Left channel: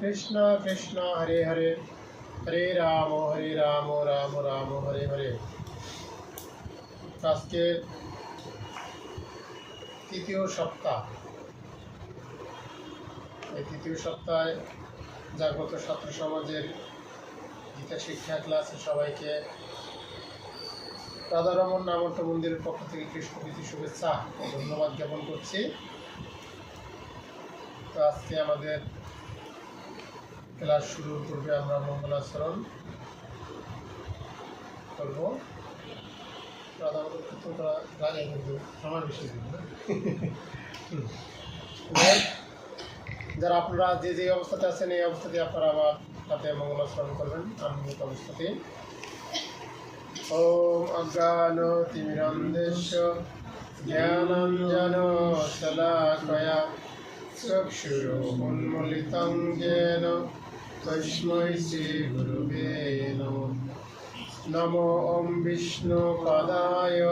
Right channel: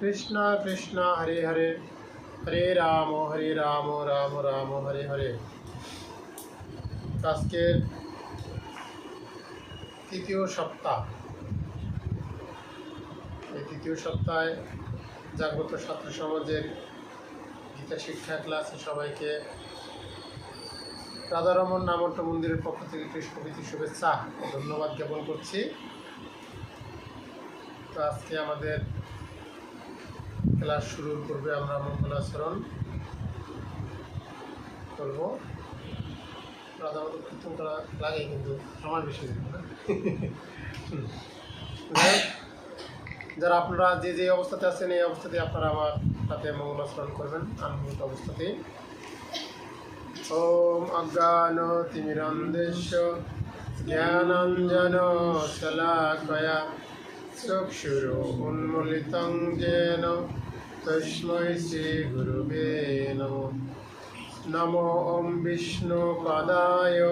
কৃষ্ণ কৃষ্ণ হরে হরে, হরে রাম রাম রাম হরে হরে। আজকের তৃতীয় সপ্তাহ। এই তৃতীয় সপ্তাহে জাগ্রত ছাত্র সমাজের গীতা শিক্ষা ক্লাসে সবাইকে রাধারমন নামন্ত মন্দিরের পক্ষ থেকে কৃষ্ণপ্রীতি শুভেচ্ছা ও ধন্যবাদ জ্ঞাপন করছি। তো আজকে আমাদের ক্লাস শুরুর পূর্বে আমরা মঙ্গলাচরণ করবো। রাধামত কীর্তন করা লাগে, কিন্তু সময় বেশি না। যারা আপনারা যে যে অবস্থাতে আছেন এই অবস্থাতে আপনারা আমার সাথে মঙ্গলাচরণ করবেন আনন্দিত অবস্থাতে। ওম অজ্ঞানতিমিরন্দেশ জ্ঞানাঞ্জন শলাকয়া চক্ষুরুন্মিলিतं येन তস্मै শ্রীগুরুবে নমঃ। নমো ওম বিষ্ণুপদায়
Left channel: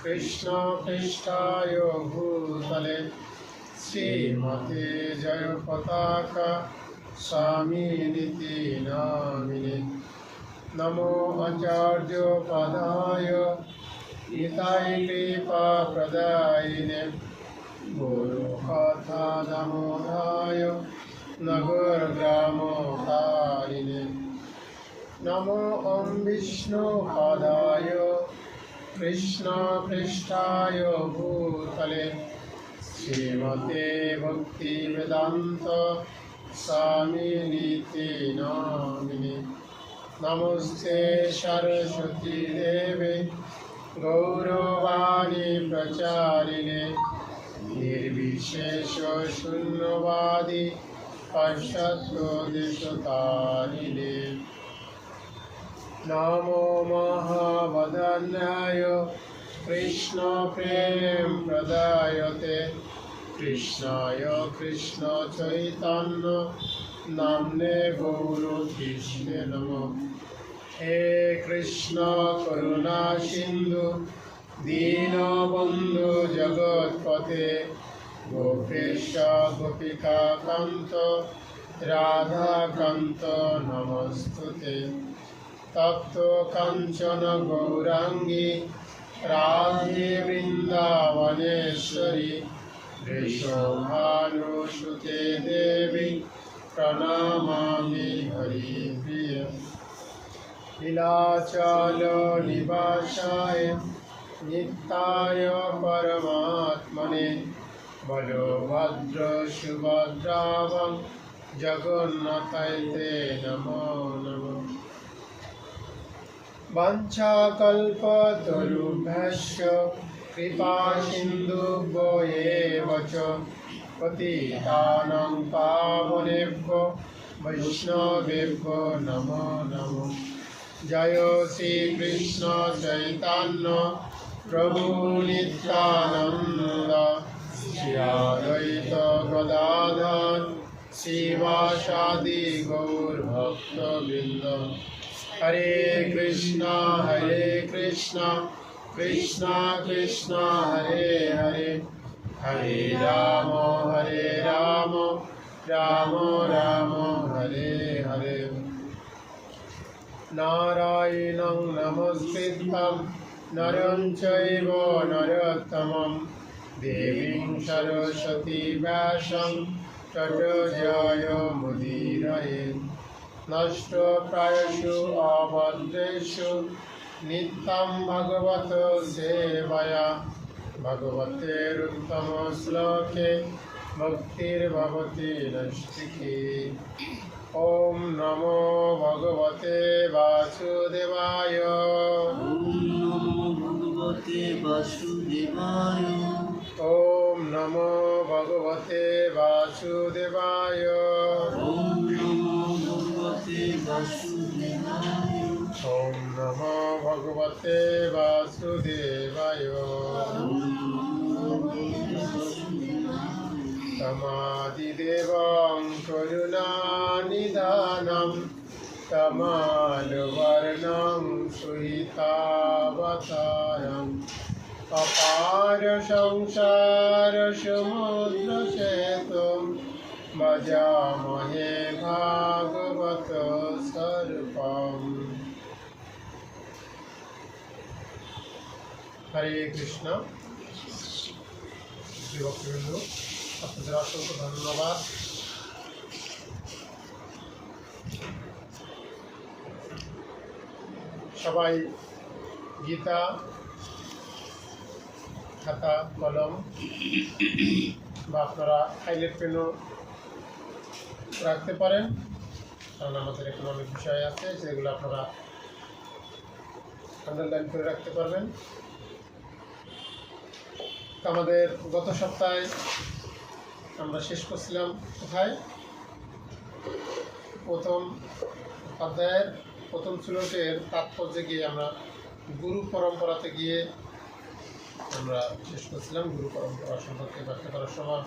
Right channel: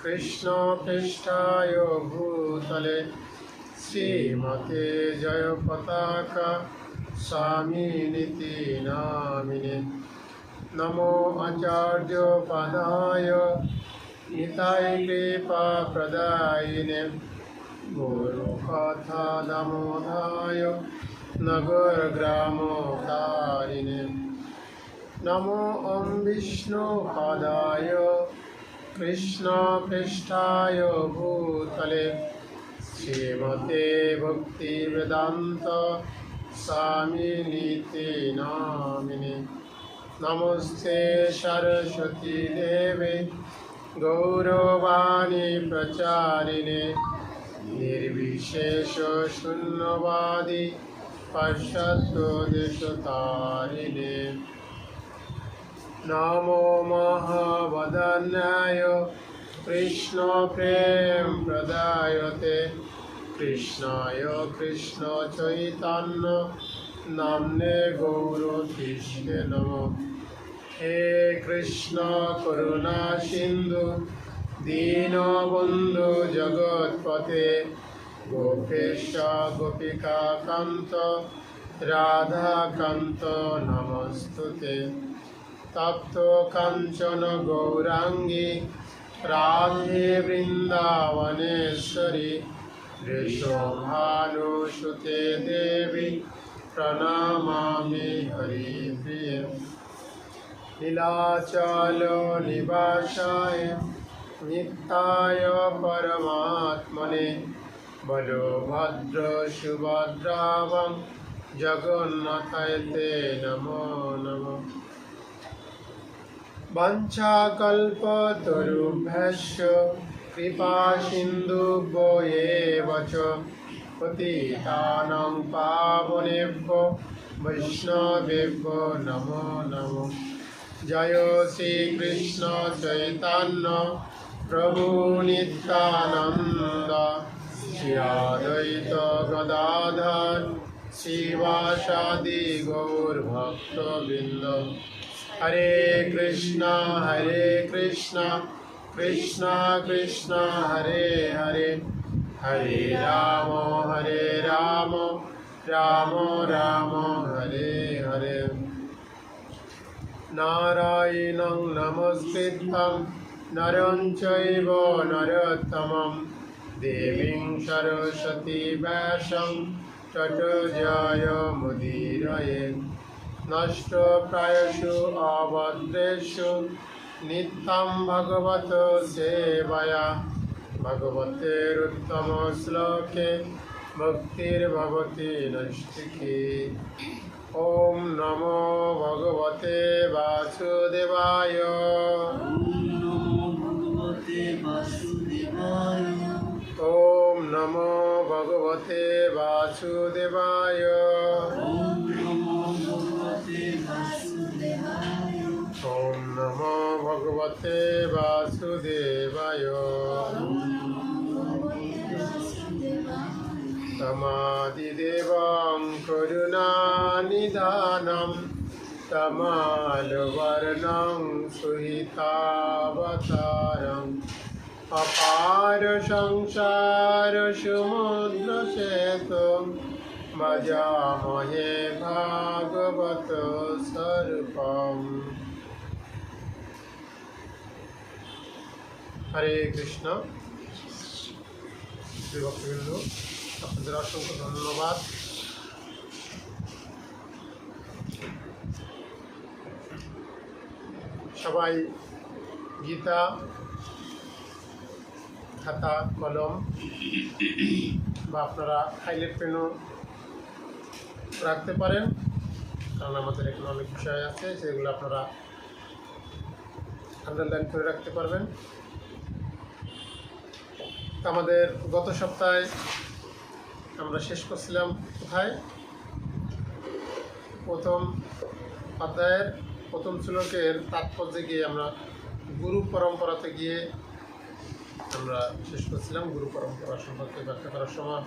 কৃষ্ণপৃষ্ঠায় ভূতলে শ্রীমতে জয়পতাকা স্বামিনিতি নামিনে। নমো আচার্যপদায় নিতাই কৃপাপ্রদায়িনে গুরুকথা দামোদরায় নগরগ্রামকারিণে। নমো ওম বিষ্ণুপদায় কৃষ্ণপৃষ্ঠায় ভূতলে শ্রীমতে ভক্তিবেদান্ত স্বামিনিতি নামিনে। নমস্তে সরস্বতী দেবে গৌরবাণী প্রচারিণে নির্বিশেষ শূন্যবাদী পাশ্চাত্য দেশতারিণে। নমো মহাবদন্যায় কৃষ্ণ প্রেম প্রদায়তে কৃষ্ণায় কৃষ্ণ চৈতন্য নামনে গৌরকৃষ্ণে নমঃ। হে কৃষ্ণ করুণা সিন্ধু দীনবন্ধু জগৎপতে গোপেশ গোপিকা কান্ত রাধাকান্ত নমস্তুতে। তপ্ত কাঞ্চন গৌরাঙ্গী রাধে বৃন্দাবনেশ্বরী বৃষভানুসুতে দেবী প্রণমামি হরিপ্রিয়। লীলাচল নিবাসায় নিত্যায় পরমাত্মনে বলভদ্র সুভদ্রাবং জগন্নাথায় তে নমো নমঃ। বাঞ্ছাকল্পতরুভ্যশ্চ কৃপা সিন্ধুভ্যো এব চ পতিতানাং পাবনেভ্যো বৈষ্ণবেভ্যো নমো নমঃ। জয় শ্রীকৃষ্ণ চৈতন্য প্রভু নিত্যানন্দ শ্রী অদ্বৈত গদাধর শ্রীবাসাদি গৌর ভক্তবৃন্দ। হরে কৃষ্ণ কৃষ্ণ কৃষ্ণ হরে হরে, হরে রাম রাম রাম হরে হরে। নারায়ণং নমস্কৃত্যং নরং চৈব নরোত্তমং দেবীং সরস্বতী ব্যাসং ততো জয়মুদীরয়ে। নষ্টপ্রায়সু অভদ্রেষু নিত্যং ভগবত সেবয়া ভগবতেরুত্তম শ্লোকে ভক্তির্ভবতি নৈষ্ঠিকী। ওম নমো ভগবতে বাসুদেবায়। ওম নমো ভগবতে বাসুদেবায়। ওম নমো ভগবতে বাসুদেবায়। তমাদিদেবং করুণানিধানম তমালবর্ণং সুহিতাবতারম অপার সংসার সমুদ্র সেতু ভজামহে ভাগবত স্বরূপম। হরে কৃষ্ণ। ভক্তবৃন্দ, আপনাদের অসংখ্য ধন্যবাদ। সবাই গীতা, খাতা, কলম বা আপনারা হাইলাইট পেনও রাখতে পারেন, কারণ আমাদের এখানে অনেক বিষয় আছে যেগুলো আপনারা আন্ডারলাইন করে রাখতে পারবেন। আমাদের গত সপ্তাহে আমরা শেষ করছিলাম কোথায়? প্রথম অধ্যায়ের প্রথম শ্লোকের তাৎপর্যে গিয়ে আমরা গুরু পরম্পরাতে গিয়ে আমরা শেষ করছিলাম। গুরু পরম্পরা সম্পর্কে ব্যাখ্যা করার সময়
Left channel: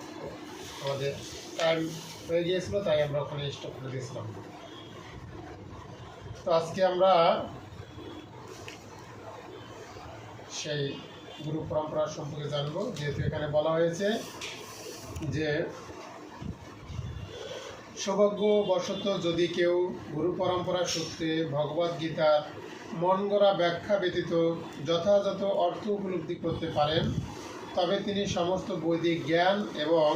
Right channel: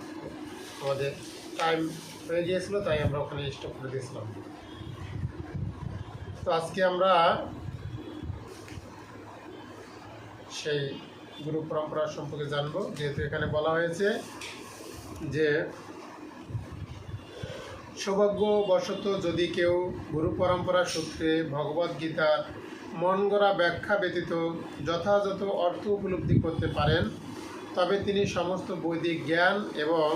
আমাদের টাইম হয়ে গিয়েছিল, তাই আমরা ওখানে স্টপ করে দিয়েছিলাম। তো আজকে আমরা সেই গুরু পরম্পরা সম্পর্কে জানবো, যেহেতু এখানে বলা হয়েছে যে সৌভাগ্যবশত যদি কেউ গুরু পরম্পরা সূত্রে ভগবদ্গীতার মন গড়া ব্যাখ্যা ব্যতীত যথাযথ অর্থ উপলব্ধি করতে পারেন, তবে তিনি সমস্ত বৈদিক জ্ঞান এবং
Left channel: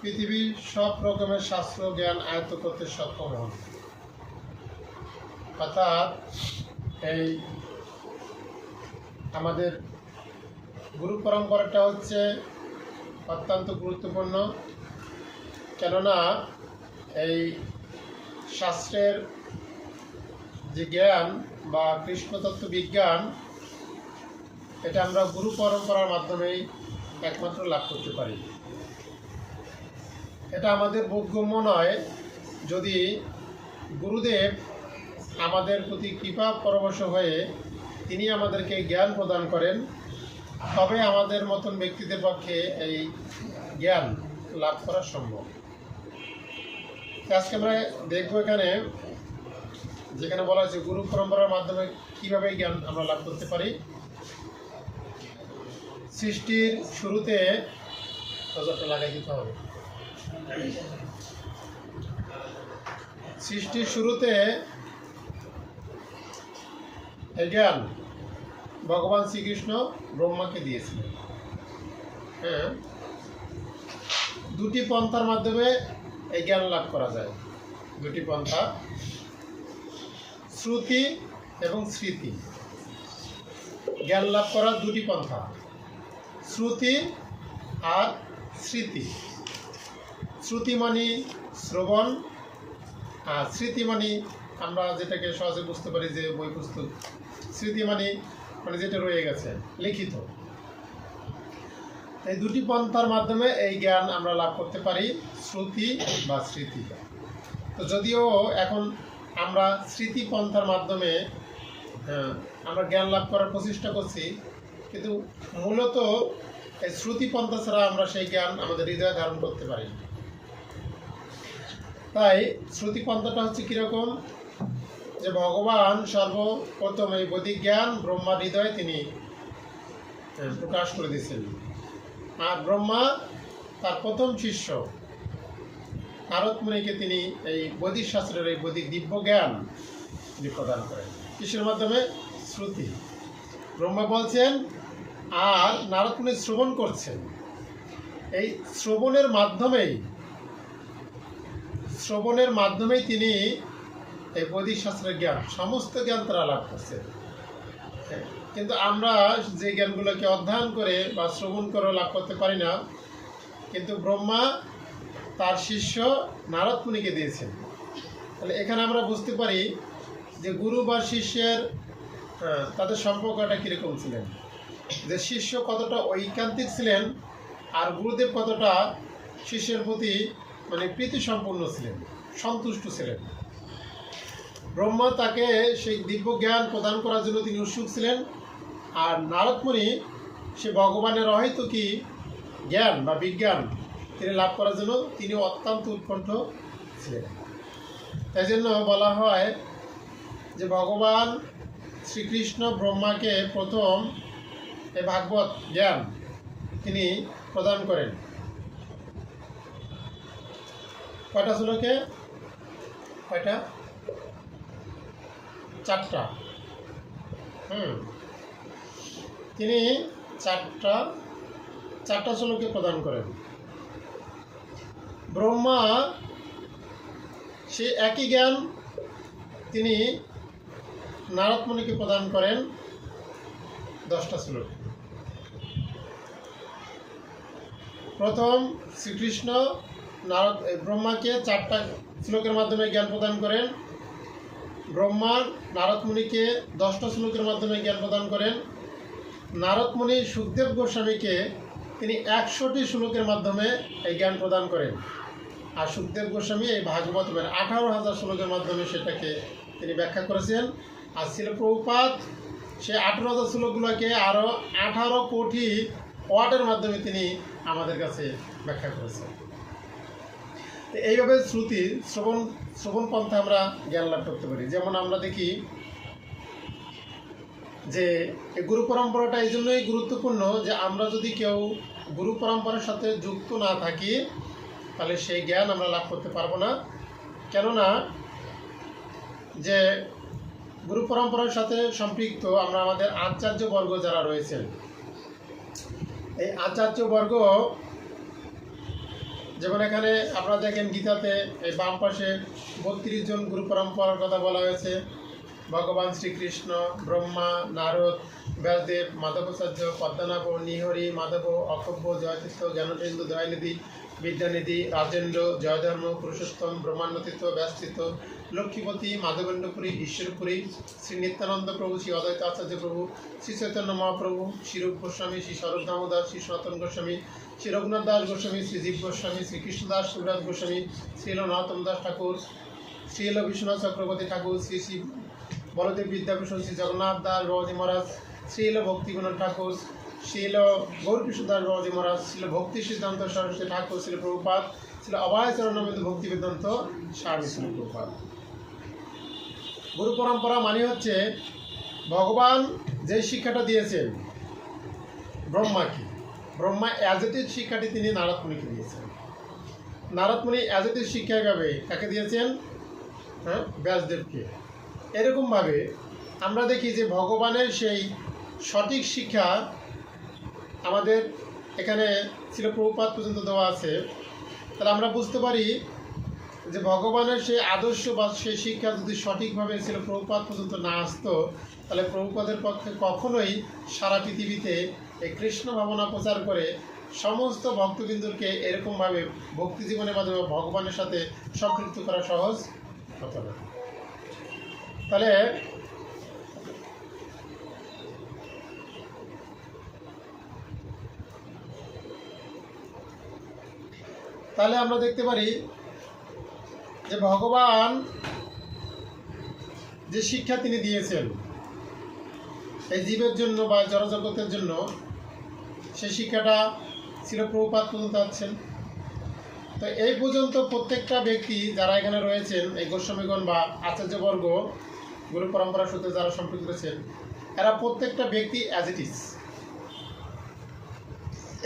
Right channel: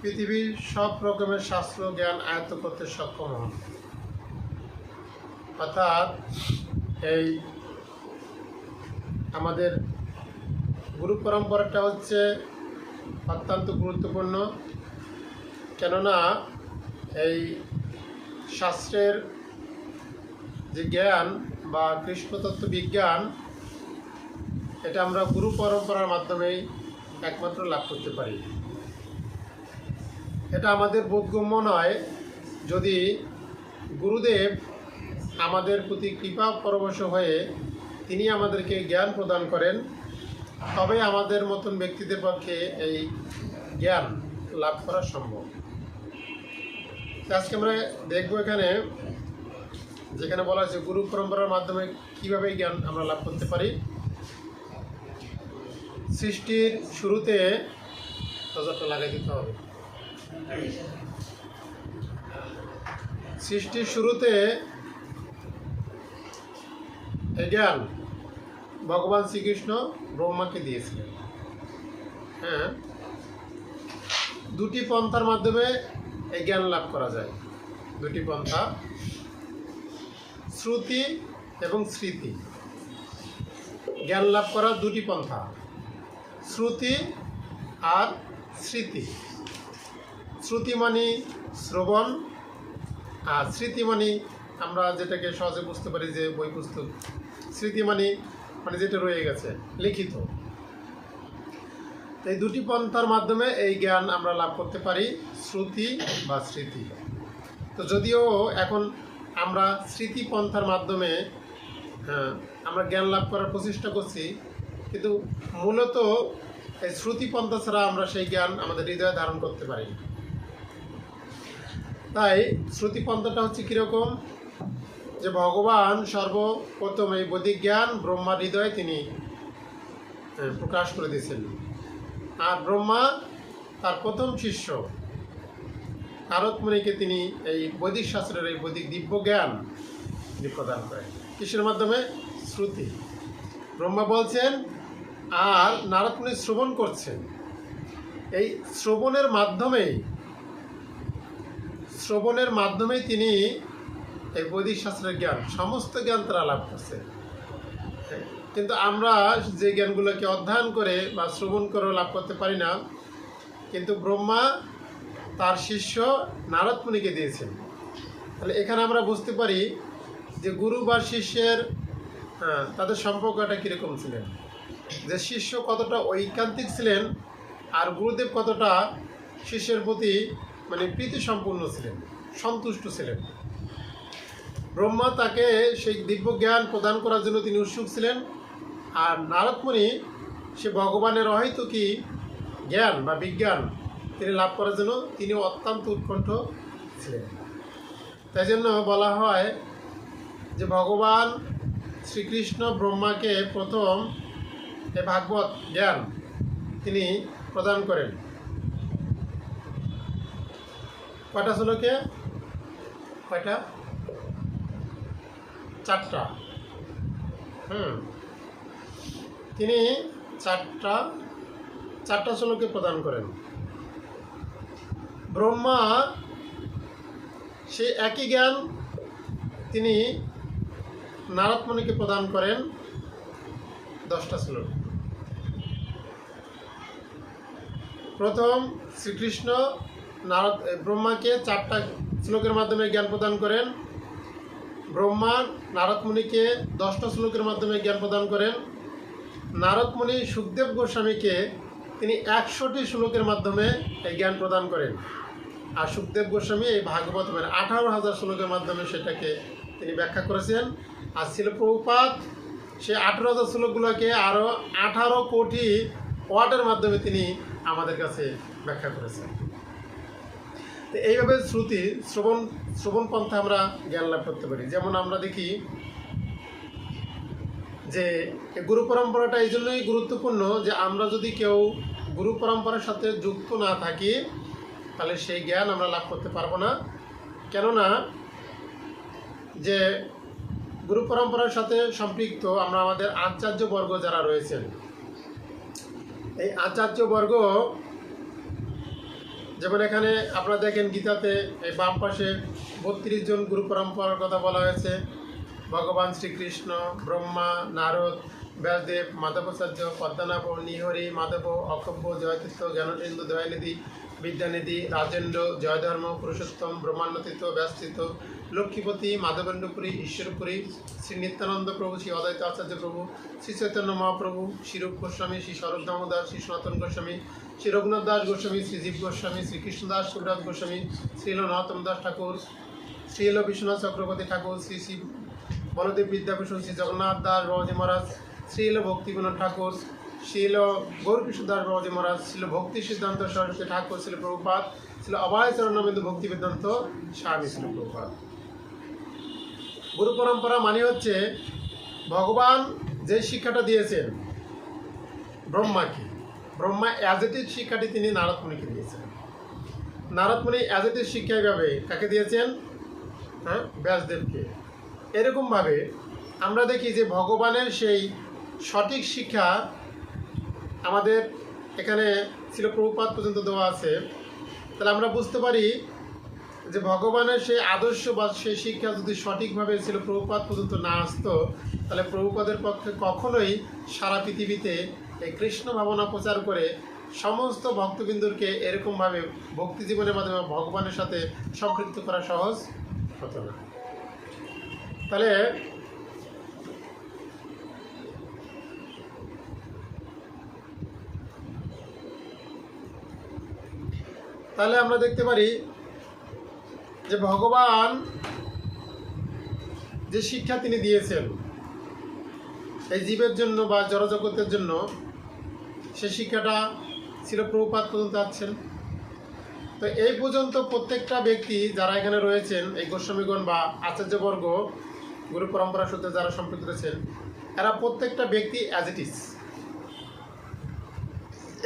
পৃথিবীর সব রকমের শাস্ত্র জ্ঞান আয়ত্ত করতে সক্ষম হন। অর্থাৎ এই আমাদের গুরু পরম্পরাটা হচ্ছে অত্যন্ত গুরুত্বপূর্ণ, কেননা এই শাস্ত্রের যে জ্ঞান বা কৃষ্ণতত্ত্ব বিজ্ঞান, এটা আমরা গুরু পরম্পরার মাধ্যমেই একমাত্র লাভ করতে পারি। এটা আমাদের বোধগম্য নয়। যদি গুরুদেব আমাদের প্রতি কৃপা পরবশ হয়ে তিনি আমাদেরকে জ্ঞান প্রদান করেন, তবে আমাদের মতন ব্যক্তিদের পক্ষে এই জ্ঞান লাভ করা সম্ভব। আজকে আমরা দেখবো এখানে যেখানে বলা হয়েছে গুরু পরম্পরার মাধ্যমে কিভাবে জ্ঞান আমরা লাভ করতে পারি। সৃষ্টির শুরুতে নজরটা লাগাই দিতে হবে। সৃষ্টির শুরুতে এই জ্ঞান ভগবান শ্রীকৃষ্ণ ব্রহ্মাকে দিয়েছিলেন। হ্যাঁ, দুটি পন্থার মাধ্যমে এই জ্ঞান লাভ করা যায়। দুটি পন্থা, শ্রুতি এবং স্মৃতি। জ্ঞান লাভ করার দুটি পন্থা, শ্রুতি আর স্মৃতি। শ্রুতি মানে শ্রবণ, আর স্মৃতি মানে আমরা যেটাকে সহজে বুঝতে পারি যে বই পুস্তক। স্মৃতি মানে যেটা রয়ে গেছে লিখিত। এই দুটি পন্থার মাধ্যমে এই জ্ঞান আমরা লাভ করতে পারি, শ্রুতি বা স্মৃতি। তো যদিও এখন আমরা স্মৃতি পন্থার মাধ্যমে আমরা জ্ঞান লাভ করার প্রচেষ্টা করছি, কিন্তু মূলত এই শ্রুতি পন্থা ছাড়া আমরা সেই জ্ঞান আমাদের হৃদয়ে ধারণ করতে পারি। তাই শ্রুতি পন্থাটা হচ্ছে কীরকম, যে ভগবান সর্বপ্রথম এই বৈদিক জ্ঞান ব্রহ্মার হৃদয়ে তিনি প্রকাশ করে দিয়েছেন। আর ব্রহ্মা তার প্রথম শিষ্য নারদ মুনিকে তিনি এই বৈদিক শাস্ত্রের এই বৈদিক দিব্য জ্ঞান তিনি প্রদান করেন। কিসের মাধ্যমে? শ্রুতি। ব্রহ্মা বলছেন আর নারদ মুনি শ্রবণ করছেন। এই শ্রবণের মাধ্যমেই তিনি এই বৈদিক শাস্ত্রের জ্ঞান, সমস্ত জ্ঞান তারা লাভ করছেন। কিন্তু আমরা যে জ্ঞানগুলোকে অধ্যয়ন করে বা শ্রবণ করে লাভ করতে পারি না, কিন্তু ব্রহ্মা তার শিষ্য নারদ মুনিকে দিয়েছেন। তাহলে এখানে আমরা বুঝতে পারি যে গুরু বা শিষ্যের তাদের সম্পর্কটা কীরকম ছিলেন, যে শিষ্য কতটা ঐকান্তিক ছিলেন আর গুরুদেব কতটা শিষ্যের প্রতি প্রীতি সম্পূর্ণ ছিলেন, সন্তুষ্ট ছিলেন। ব্রহ্মা তাকে সেই দিব্য জ্ঞান প্রদান করার জন্য তিনি উৎসুক ছিলেন, আর নারদ মুনি সে ভগবানের অহেতুকী জ্ঞান বা বিজ্ঞান তিনি লাভ করার জন্য তিনি অত্যন্ত উৎকণ্ঠ ছিলেন। তাই জন্য বলা হয় যে ভগবান শ্রীকৃষ্ণ ব্রহ্মাকে প্রথম এই ভাগবত জ্ঞান তিনি প্রদান করেন। কয়টা শ্লোকে? কয়টা? 4টা। তিনি 4টা শ্লোকে প্রদান করেন। ব্রহ্মা সে একই জ্ঞান তিনি নারদ মুনিকে প্রদান করেন 10টা শ্লোক। প্রথম শ্রীকৃষ্ণ ব্রহ্মাকে 4টা শ্লোকের মাধ্যমে জ্ঞান প্রদান করেন। ব্রহ্মা নারদ মুনিকে 10টা শ্লোকের মাধ্যমে জ্ঞান প্রদান করেন। নারদ মুনি সুখদেব গোস্বামীকে তিনি 100টি শ্লোকের মাধ্যমে এই জ্ঞান প্রদান করেন। আর সুখদেব গোস্বামী এই ভাগবতের 18,000 শ্লোকের মাধ্যমে সেটাকে তিনি ব্যাখ্যা করেছেন। আর ছিল প্রভুপাদ সে 18,000 শ্লোকগুলোকে আরও 18 কোটি ওয়ার্ডের মাধ্যমে তিনি আমাদের কাছে ব্যাখ্যা করেছেন। তো এইভাবে শ্রবণ পন্থা আমরা জ্ঞান লাভ করতে পারি। যেমন আমরা দেখি যে গুরু পরম্পরাটা এই জন্যই গুরুত্বপূর্ণ যে আমরা যদি কেউ গুরু পরম্পরার সাথে যুক্ত না থাকি তাহলে সেই জ্ঞান আমরা লাভ করতে পারবো না। কেননা যে গুরু পরম্পরার সাথে সম্পৃক্ত আমরা আমাদের আচার্যবর্গ যারা রয়েছেন, এই আচার্যবর্গ যেমন এখানে আপনারা দেখেন গীতাতে এই বাম পাশে 32 জন গুরু পরম্পরার কথা বলা হয়েছে। ভগবান শ্রীকৃষ্ণ, ব্রহ্মা, নারদ, ব্যাসদেব, মাধবাচার্য, পদ্মনাভ, নিহরি, মাধব, অক্ষব্য, জয়তীর্থ, জ্ঞানেন্দ্র, দয়ানিধি, বিদ্যানিধি, রাজেন্দ্র, জয়ধর্ম, পুরুষোত্তম, ব্রহ্মান্ডতীর্থ, ব্যাসতীর্থ, লক্ষ্মীপতি, মাধবেন্দ্রপুরী, ঈশ্বরপুরী, শ্রী নিত্যানন্দ প্রভু, শ্রী অদ্বৈত আচার্য প্রভু, শ্রী চৈতন্য মহাপ্রভু, শ্রী রূপ গোস্বামী, শ্রী স্বরূপ দামোদর, শ্রী সনাতন গোস্বামী, শ্রী রঘুনাথ দাস গোস্বামী, শ্রী জীব গোস্বামী, শ্রী কৃষ্ণদাস সুরাজ গোস্বামী, শ্রীল নরোত্তম দাস ঠাকুর, শ্রীল বিশ্বনাথ চক্রবর্তী ঠাকুর, শ্রী শ্রী বলদেব বিদ্যাভূষণ, শ্রী জগন্নাথ দাস বাবাজী মহারাজ, শ্রীল ভক্তিবিনোদ ঠাকুর, শ্রীল গৌরকৃষ্ণ দাস বাবাজী মহারাজ, শ্রীল ভক্তি সিদ্ধান্ত সরস্বতী ঠাকুর, শ্রীল প্রভুপাদ, শ্রীল অভয় চরণবিন্দু ভক্তি বেদান্ত স্বামী শ্রীল প্রভুপাদ। গুরু পরম্পরা মানে হচ্ছে ভগবান যে শিক্ষাটা দিয়েছেন ব্রহ্মাকে, ব্রহ্মা অ্যাজ ইট ইজ শিক্ষাটি তিনি নারদ মুনিকে দিয়েছেন। নারদ মুনি অ্যাজ ইট ইজ শিক্ষা এইভাবে কাকে দিয়েছেন? ব্যাসদেবকে। এরকমভাবে আমরা দেখি যে ভগবানের সেই সঠিক শিক্ষা আমাদের এখানে ছিল প্রভুপাদ পর্যন্ত দেওয়া আছে। তাহলে আমরা বুঝতে পারি যে ভগবানের সেই আদর্শ বা সেই শিক্ষা যদি সঠিকভাবে ছিল প্রভুপাদ পর্যন্ত না আসতো তাহলে প্রভুপাদের পক্ষে কখনোই সারা পৃথিবীতে এই কৃষ্ণ ভাবনা প্রচার করে সমস্ত ভক্তবৃন্দকে এরকমভাবে ভক্তি জীবনের মাধ্যমে ভগবানের সাথে সম্পৃক্ত করা সহজ হতো না। তাহলে আমরা দেখতে পারি যে ভগবান যে শিক্ষা তিনি দিয়েছেন এই জীবের জন্য বা জড়জগতের জন্য, সেই শিক্ষাটা ছিল প্রভুপাদ পর্যন্ত আসছেন। তো এই পর্যন্ত প্রত্যেকটা ব্যক্তি যারা এখানে রয়েছেন, এই গোস্বামীগণ বা আচার্যবর্গ গুরু পরম্পরার সাথে যারা সম্পৃক্ত রয়েছেন, এরা প্রত্যেকটা ব্যক্তি অ্যাজ ইট ইজ।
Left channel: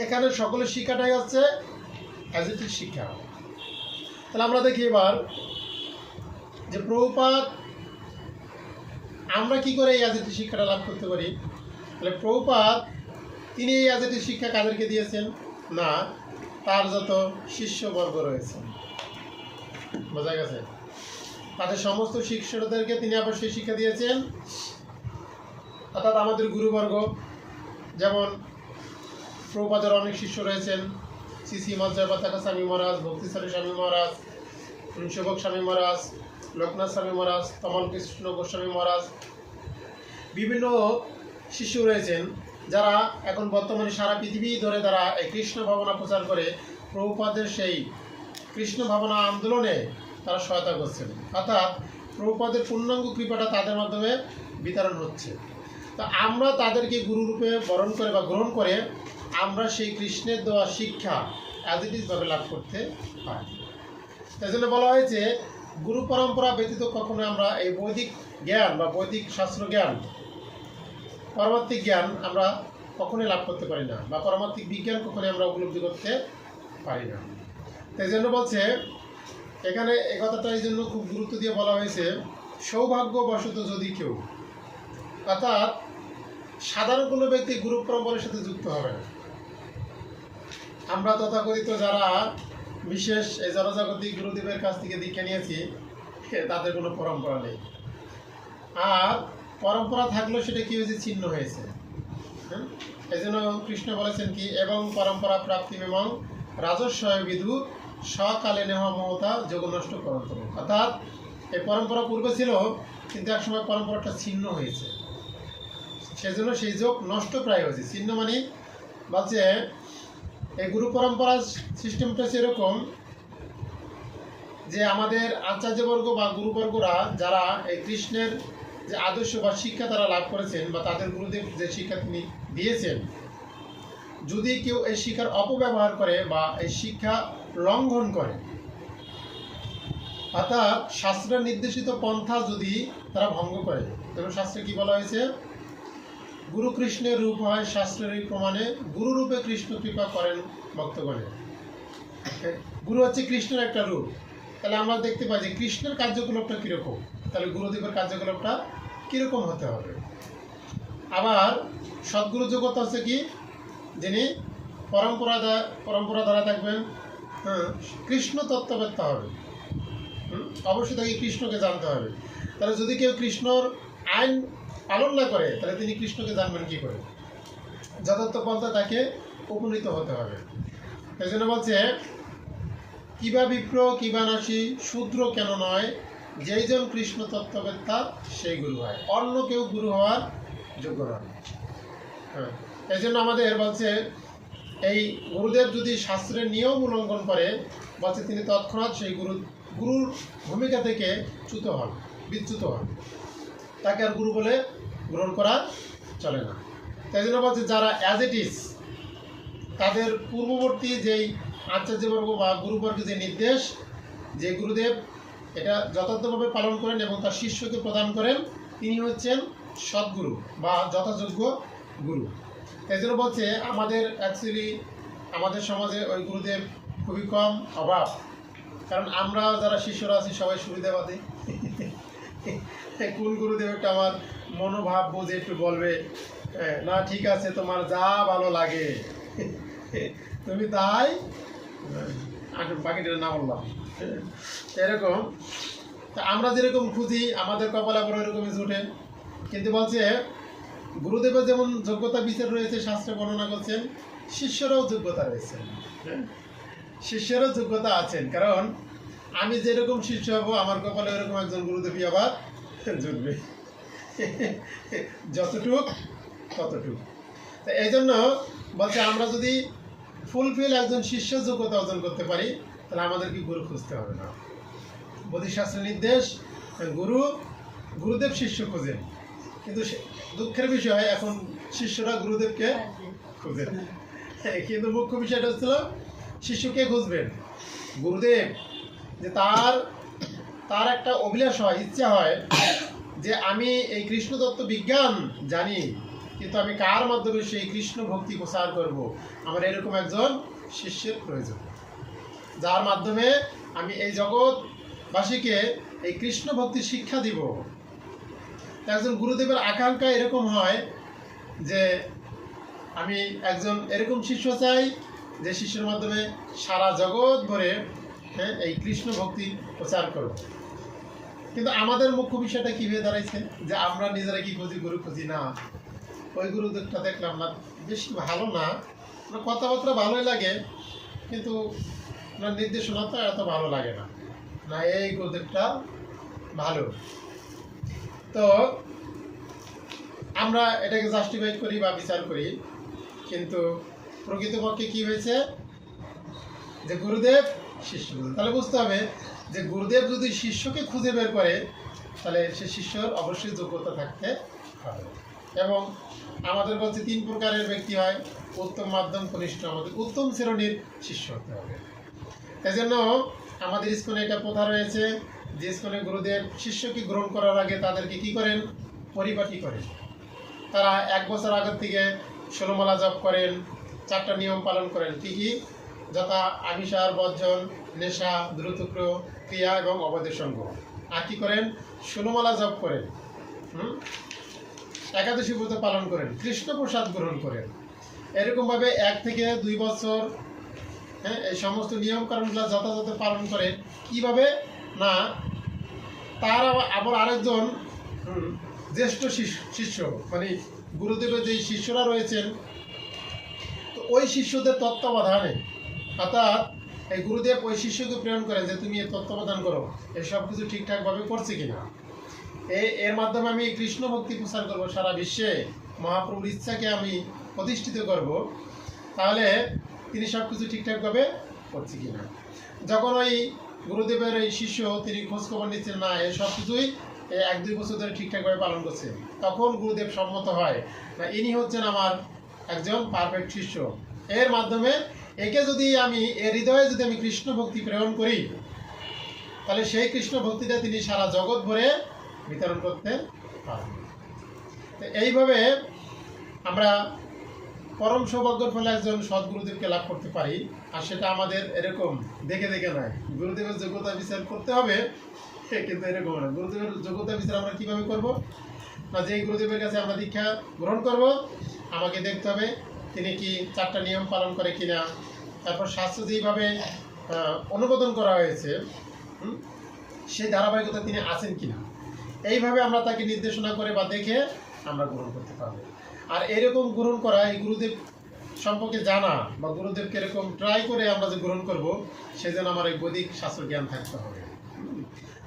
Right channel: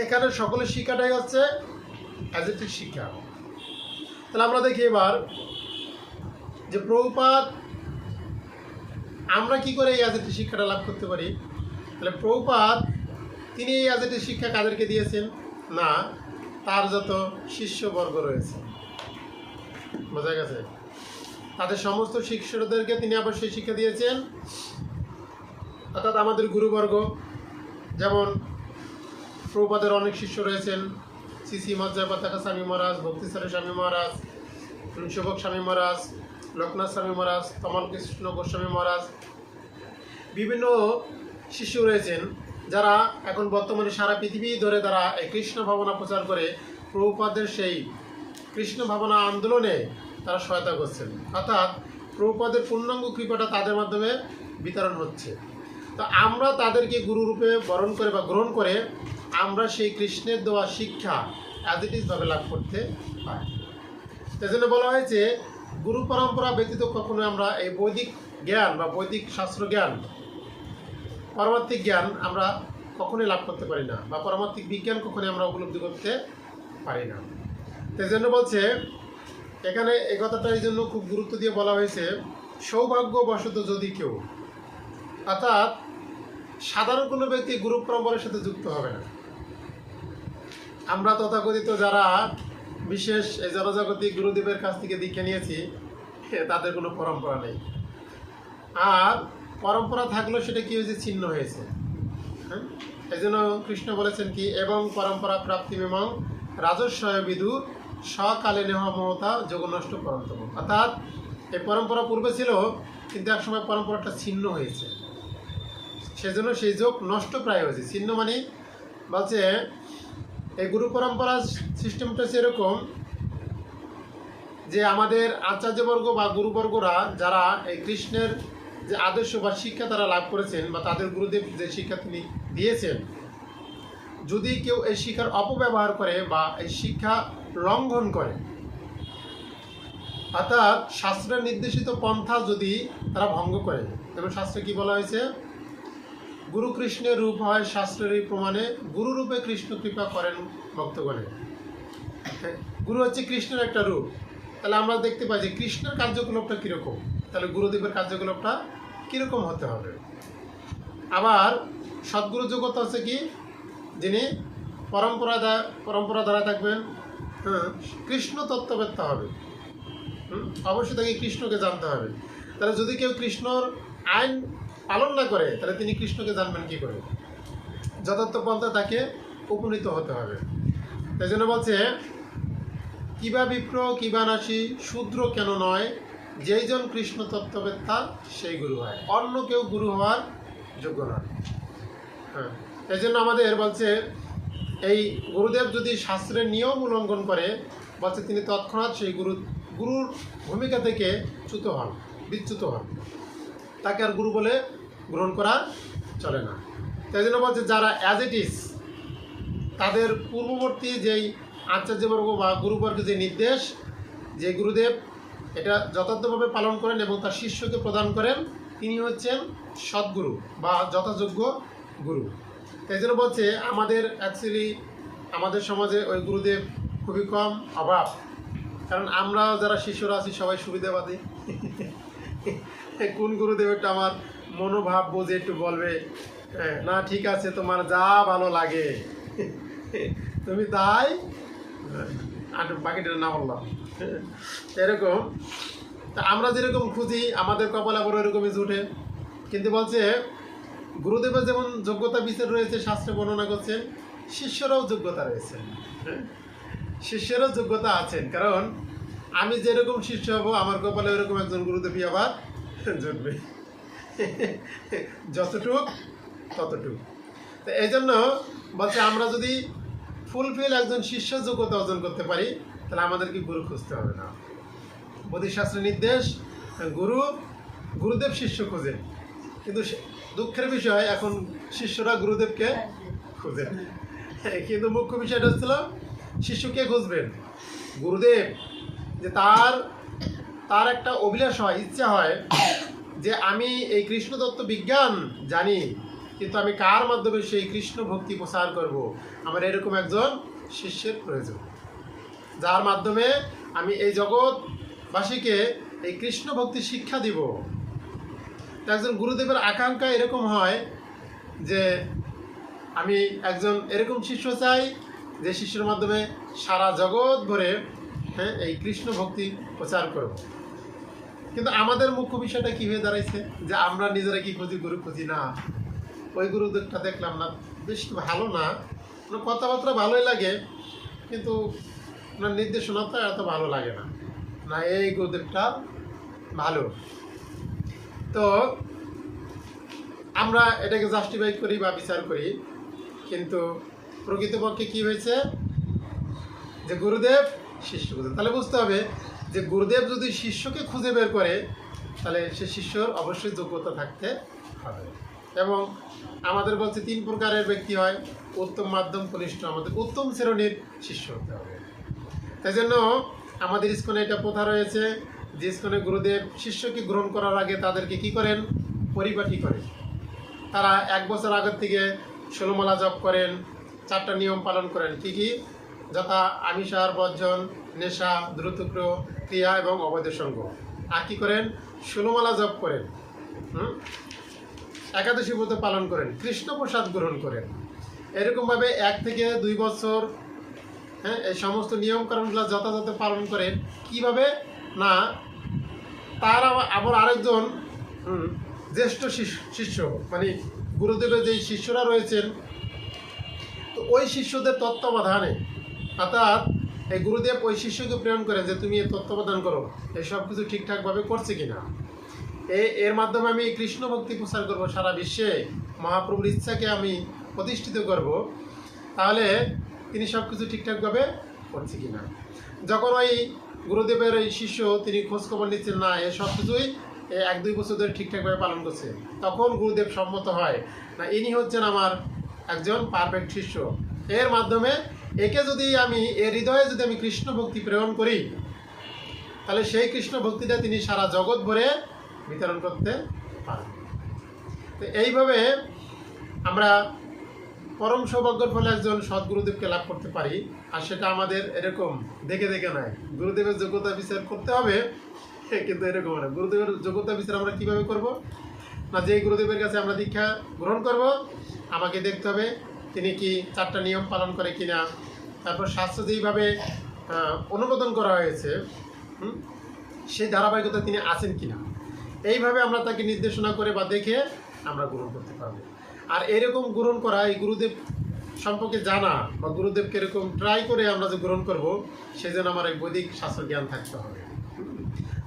এখানে সকলের শিক্ষাটাই হচ্ছে অ্যাজ ইট ইজ শিক্ষা। তাহলে আমরা দেখি এবার যে প্রভুপাদ আমরা কি করে এই অ্যাজ ইট ইজ শিক্ষাটা লাভ করতে পারি। তাহলে প্রভুপাদ তিনি এই অ্যাজ ইট ইজ শিক্ষা কাদেরকে দিয়েছেন? না, তার যত শিষ্যবর্গ রয়েছে, বোঝা গেছে, তাদের সমস্ত শিষ্যদেরকে তিনি আবার সেই শিক্ষা দিয়েছেন। অর্থাৎ আমাদের গুরুবর্গ, যেমন প্রভুপাদের অনেক শিষ্য রয়েছেন, শ্রী শ্রী মজ্জাপাতাকা স্বামী মহারাজ, ভক্তিসারী স্বামী মহারাজ, শোভক স্বামী মহারাজ, লোকনাথ স্বামী মহারাজ, কমল কৃষ্ণ গোস্বামী মহারাজ, বিভিন্ন শিষ্য রয়েছেন যারা এখন বর্তমানে সারা পৃথিবী ধরে তারা এই কৃষ্ণ ভাবনা প্রচার করে প্রভুপাদের সেই কৃষ্ণ ভাবনা আন্দোলনে তারা সহায়তা করছেন। অর্থাৎ প্রভুপাদের পূর্ণাঙ্গ কৃপাটা তাদের মাধ্যমে বিতরণ হচ্ছে। তো আমরা তাদেরকে গুরুরূপে বরণ করে বা গ্রহণ করে আমরা সেই কৃষ্ণের দেওয়া শিক্ষা অ্যাজ ইট ইজভাবে লাভ করতে পারি। সেই জন্য বলা হয়েছে গুরু পরম্পরা ব্যতীত কখনো আমরা এই বৈদিক জ্ঞান বা বৈদিক শাস্ত্র জ্ঞান, পারমার্থিক জ্ঞান আমরা কখনোই লাভ করতে পারি না, বা পারমার্থিক বিজ্ঞান কখনোই আমরা উপলব্ধি করতে পারি না। সেই জন্য বলছে এখানে এই কথাটা এই জন্য খুব গুরুত্ব দিয়ে বলা হয়েছে, সৌভাগ্যবশত যদি কেউ, অর্থাৎ সাধারণ কোনো ব্যক্তি গুরু পরম্পরার সাথে যুক্ত হবে না। আমরা তথাকথিত যারা বিশেষ এই জনজাগতিক গুরুদেবের কাছ থেকে দীক্ষা নিয়েছি, তাদের কোনো পরম্পরা নেই। আর পরম্পরা থাকলেও সেটা কি হয়েছে, ছিন্ন হয়েছে। হ্যাঁ, এই জন্য কৃষ্ণ বলেছেন কি, এবং পরম্পরা প্রাপ্তি এবং রাজস্বয় বিধু সকালে নেহ মমতা যোগ নষ্ট করন্তম। অর্থাৎ এই পরম্পরা পূর্বে ছিল, কিন্তু একসময় পরম্পরাটা ছিন্ন হয়েছে, সেজন্য সেই যোগ নষ্ট প্রায় হয়েছে। ছিন্ন মানে বলছে এই গুরু পরম্পরার সিস্টেমটা সেরকম যে আমাদের আচার্যবর্গ বা গুরুবর্গরা যারা এই কৃষ্ণের যে আদর্শ বা শিক্ষা তারা লাভ করেছেন, বা তাদের গুরুদেব যে শিক্ষা তিনি দিয়েছেন, যদি কেউ এই শিক্ষার অপব্যবহার করে বা এই শিক্ষা লঙ্ঘন করে, অর্থাৎ শাস্ত্রের নির্দেশিত পন্থা যদি তারা ভঙ্গ করে, তবে শাস্ত্রে কি বলা হয়েছে, গুরু কৃষ্ণের রূপ হয় শাস্ত্রের এই প্রমাণে, গুরুরূপে কৃষ্ণ কৃপা করেন ভক্তগণে। গুরু হচ্ছে কৃষ্ণের একটা রূপ। তাহলে আমরা দেখতে পাই যে কৃষ্ণের কার্যকলাপটা কীরকম, তাহলে গুরুদেবের কার্যকলাপটা কীরকম হতে হবে। আবার সদ্গুরু যোগ্যতা হচ্ছে কি, যিনি পরম্পরা দ্বারা থাকবেন, কৃষ্ণ তত্ত্ববেত্তা হবে। অবশ্যই তাকে কৃষ্ণকে জানতে হবে। তাহলে যদি কেউ কৃষ্ণর আইন পালন না করে, তাহলে তিনি কৃষ্ণকে জানবেন কি করে? যথার্থ পন্থা তাকে উপনীত হতে হবে। তাই জন্য বলছে, কিবা বিপ্র কিবা নাসি শূদ্র কেন নয়, যেইজন কৃষ্ণ তত্ত্ববেত্তা সেই গুরু হয়, অন্য কেউ গুরু হওয়ার যোগ্য নয়। হ্যাঁ, এই জন্য আমাদের বলছে এই গুরুদেব যদি শাস্ত্রের নিয়ম উল্লঙ্ঘন করে, বলছে তিনি তৎক্ষণাৎ সেই গুরুর ভূমিকা থেকে বিচ্যুত হন, তাকে আর গুরু বলে গ্রহণ করা চলে না। তাই জন্য বলছে যারা অ্যাজ ইট ইজ, তাদের পূর্ববর্তী যেই আচার্যবর্গ বা গুরুবর্গের যে নির্দেশ, যে গুরুদেব এটা যথার্থভাবে পালন করেন এবং তার শিষ্যকে প্রদান করেন, তিনি হচ্ছেন সদ্গুরু বা যথাযোগ্য গুরু। তাই জন্য বলছে আমাদের অ্যাকচুয়ালি আমাদের সমাজে ওই গুরুদেব খুবই কম, অভাব। কারণ আমরাও যারা শিষ্যরা আছি সবাই সুবিধাবাদী। কোন গুরুদেবটা আমার মনোভাব বুঝে একটু বলবে, না ঠিক আছে তোমার যা ভালো লাগে তুমি তাই, বাকিটা না বললাম, এরকম। তা আমরা যেরকম খুঁজি আমাদের কপালে বড় এরকমই জুটে। কিন্তু বলছে গুরুদেবের যেমন যোগ্যতা বিচার রয়েছে, শাস্ত্রে বর্ণনা করছেন, শিষ্যরাও যোগ্যতা রয়েছে। শিষ্যেরও যোগ্যতা আছেন, কারণ আমি যেরকম শিষ্য হব আমার কপালে ওরকম একজন গুরুদেবী আবার জুটবে, যতটুক ততটুক। তো এই জন্য বলছে আমরা যদি ফুলফিল একজন শিষ্য যোগ্যতা অর্জন করতে পারি, তাহলে আমাদেরকে গুরু খুঁজতে হবে না। বোধিশাস্ত্রের নির্দেশ, গুরুদেব শিষ্য খোঁজেন, কিন্তু দুঃখের বিষয় এখন শিষ্যরা গুরুদেবকে খোঁজেন। কিন্তু মুখ্য বিষয়টা হচ্ছিল শিষ্যকে খুঁজবেন, গুরুদেব যে তার একটা অভিলাষ হয়, ইচ্ছা হয় যে আমি এই কৃষ্ণ তত্ত্ব বিজ্ঞান জানি, কিন্তু আমি কার মাধ্যমে সেই কৃষ্ণ ভক্তি প্রচার করব, আমার এরকম একজন শিষ্যের প্রয়োজন, যার মাধ্যমে আমি এই জগৎবাসীকে এই কৃষ্ণ ভক্তি শিক্ষা দিব। একজন গুরুদেবের আকাঙ্ক্ষা এরকম হয় যে আমি একজন এরকম শিষ্য চাই যে শিষ্যের মাধ্যমে সারা জগৎ ভরে এই কৃষ্ণ ভক্তি প্রচার করব। কিন্তু আমাদের মুখ্য বিষয়টা কী হয়ে দাঁড়াইছে, যে আমরা নিজেরা কি খুঁজি, গুরু খুঁজি না। ওই গুরুদেবটা দেখলাম না, বেশি ভালো না, কথাবার্তা ভালোই লাগে, কিন্তু ওনার নির্দেশনাটা এত ভালো লাগে না, না এই গুরুদেবটা ভালো। তো আমরা এটাকে জাস্টিফাই করি বা বিচার করি, কিন্তু প্রকৃতপক্ষে কি হয়েছে, যে গুরুদেব শিষ্য খুঁজে। তাহলে বুঝতে হবে যে গুরুদেব যদি শিষ্যকে খুঁজে বের করে, তাহলে সে শিষ্যর অবশ্যই যোগ্যতা থাকতে হবে। এবং আমাদের বলছে 3 প্রকারের ব্যক্তি হয়, উত্তম, মাধ্যম, কনিষ্ঠ। আমাদের উত্তম শ্রেণীর শিষ্য হতে হবে। তাই জন্য আমাদের ইস্কনে এটা প্রথা রয়েছে যে ইস্কনে গুরুদেব শিষ্যকে গ্রহণ করার আগে তাদেরকে কি করেন, পরিপাটি করেন। তারা 1 বছর আগের থেকে 16 মালা জপ করেন, 4টা নিয়ম পালন করেন। কি কি? যথা আমিষাহার বর্জন, নেশা, দ্রুতক্র ক্রিয়া এবং অবৈধ সঙ্গ। আর কি করেন? 16 মালা জপ করেন, একাদশী ব্রত পালন করেন, কৃষ্ণ প্রসাদ গ্রহণ করেন। এরকমভাবে 1 থেকে 2 বছর এই সমস্ত নিয়মকানুনগুলো যথাযথ পালন করেন। কিভাবে না, তার আবার আরেকজন জ্যেষ্ঠ শিষ্য মানে গুরুদেবের যেই শিষ্যরা রয়েছেন, তো ওই শিষ্যদের তত্ত্বাবধানে, অর্থাৎ এই গুরুদেব ওই শিষ্যকে প্রেরণ করেন যে তুমি এর তত্ত্বাবধান করো, এই সব কিছু ঠিকঠাকভাবে করছে কিনা। এর মাধ্যমে আমি কৃষ্ণ ভক্তি প্রচার করবো সারা বিশ্বে, মহাপ্রভুর ইচ্ছাকে আমি প্রতিষ্ঠিত করব, তাহলে তিনি সব কিছু ঠিকঠাকভাবে করছে কিনা। যখন ওই গুরুদেবের এই শিষ্য তিনি খোঁজখবর নিচ্ছেন না, এ সব কিছুই 1-2 বছর ধরে ঠিকঠাকভাবে পালন করছে, তখন গুরুদেব সম্মত হয় না ইনি হচ্ছেন আমার একজন পারফেক্ট শিষ্য। এর মাধ্যমে একে যদি আমি এর হৃদয়ে যদি আমি কৃষ্ণ ভক্তি প্রেরণ করি, তাহলে সেই কৃষ্ণ ভক্তিটা তিনি সারা জগৎ ভরে বিতরণ করতে পারবেন। তো এইভাবে আমরা পরম সৌভাগ্যের ফলে একজন সদ্গুরুদেবকে লাভ করতে পারি। আর সেটা আমাদের এরকম দেখে দেখে নয়, গুরুদেবের যোগ্যতা বিচার করতে হবে, কিন্তু এরকম না। গুরুদেবের যোগ্যতা বিচার আমরা কিভাবে করব না, যে গুরুদেবের কাছে আমরা দীক্ষা গ্রহণ করব, আমাকে দেখতে হবে তিনি কি 4টা নিয়ম পালন করে কিনা, তারপর শাস্ত্র যেইভাবে অনুমোদন করা হয়েছে সেই ধারাবাহিকতা তিনি আছেন কিনা, এইভাবে আমরা তাকে নির্দেশনা করে বা দেখে আমরা গ্রহণ করতে পারবো। আর এরকম গ্রহণ করা, এই গুরুদেব সম্পর্কে জানা বা গুরুদেবকে এরকম ট্রাই করে আমরা যে গ্রহণ করব, সেই জন্য আমার এই বৈদিক শাস্ত্র জ্ঞান থাকতে হবে।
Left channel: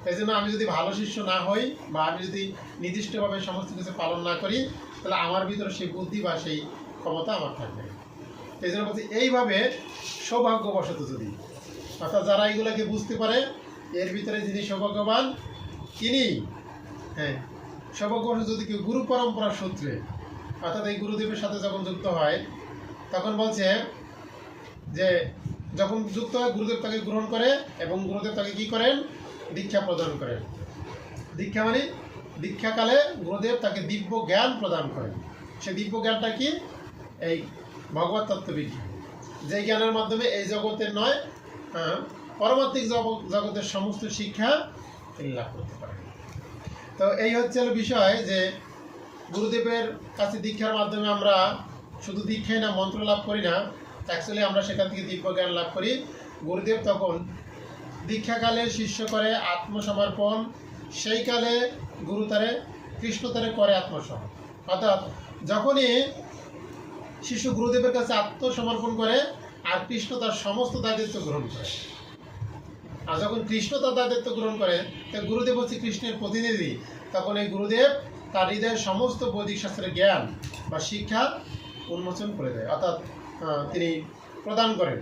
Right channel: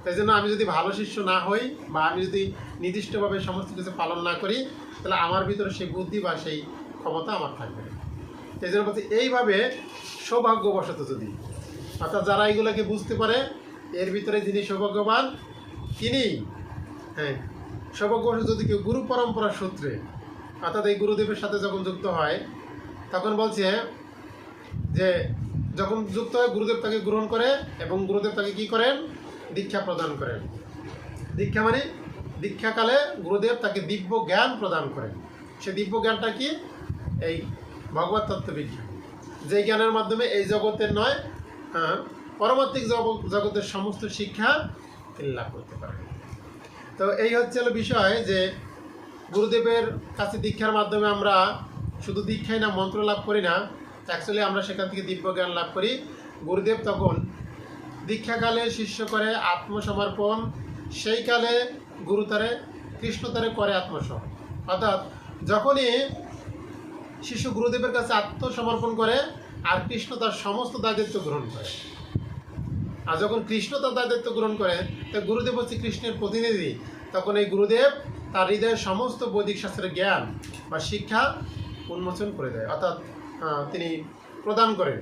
তাই জন্য আমি যদি ভালো শিষ্য না হই বা আমি যদি নির্দিষ্টভাবে সমস্ত কিছু পালন না করি, তাহলে আমার ভিতরে সেই বুদ্ধি বা সেই ক্ষমতা আমার থাকবে। এই জন্য বলছি, এইভাবে সৌভাগ্যবশত যদি, অর্থাৎ যারা এইগুলোকে বুঝতে পারে, এর ভিতরে যিনি সৌভাগ্যবান তিনি, সৌভাগ্যবশত যদি কেউ গুরু পরম্পরার সূত্রে, অর্থাৎ এই গুরুদেবের সাথে যখন যুক্ত হয়, তখন বলছে যে যখন যুক্ত হয় গুরুদেব তাকে গ্রহণ করে এবং গুরুদেব তাকে কি করেন? দীক্ষা প্রদান করেন। দীক্ষা মানে দীক্ষাকালে গুরুদেব তাকে দিব্য জ্ঞান প্রদান করেন। সে দিব্য জ্ঞানটা কি? এই ভগবত তত্ত্ববিজ্ঞান, যে জ্ঞানের মাধ্যমে এই জগতের নয়, পরমাত্মিক জগতের সমস্ত শিক্ষা তিনি লাভ করতে পারেন। তো এই হচ্ছে বিষয় যে গুরুদেবের কাছে দীক্ষার মাধ্যমে আমরা শুধু দীক্ষাই না, মন্ত্র লাভ করি না, অ্যাকচুয়ালি আমরা সেখান থেকে দিব্য জ্ঞান লাভ করি। গুরুদেব তখন দীক্ষাকালে শিষ্য করে আত্মসমর্পণ, সেই কালে গুরু তারে কৃষ্ণ তারে করে আত্মসমর্পণ। অর্থাৎ যখনই শিষ্য গুরুদেবের কাছে আত্মসমর্পণ করে আর কৃষ্ণ তার সমস্ত দায়িত্ব গ্রহণ করে, আর যখন কৃষ্ণ তার দায়িত্ব গ্রহণ করে, তো গুরুদেব হচ্ছে কৃষ্ণের প্রতিনিধি, তখন এই গুরুদেব তার হৃদয়ের সমস্ত বৈদিক শাস্ত্রের জ্ঞান বা শিক্ষা উন্মোচন করে দেয়, অর্থাৎ তিনি প্রদান করেন।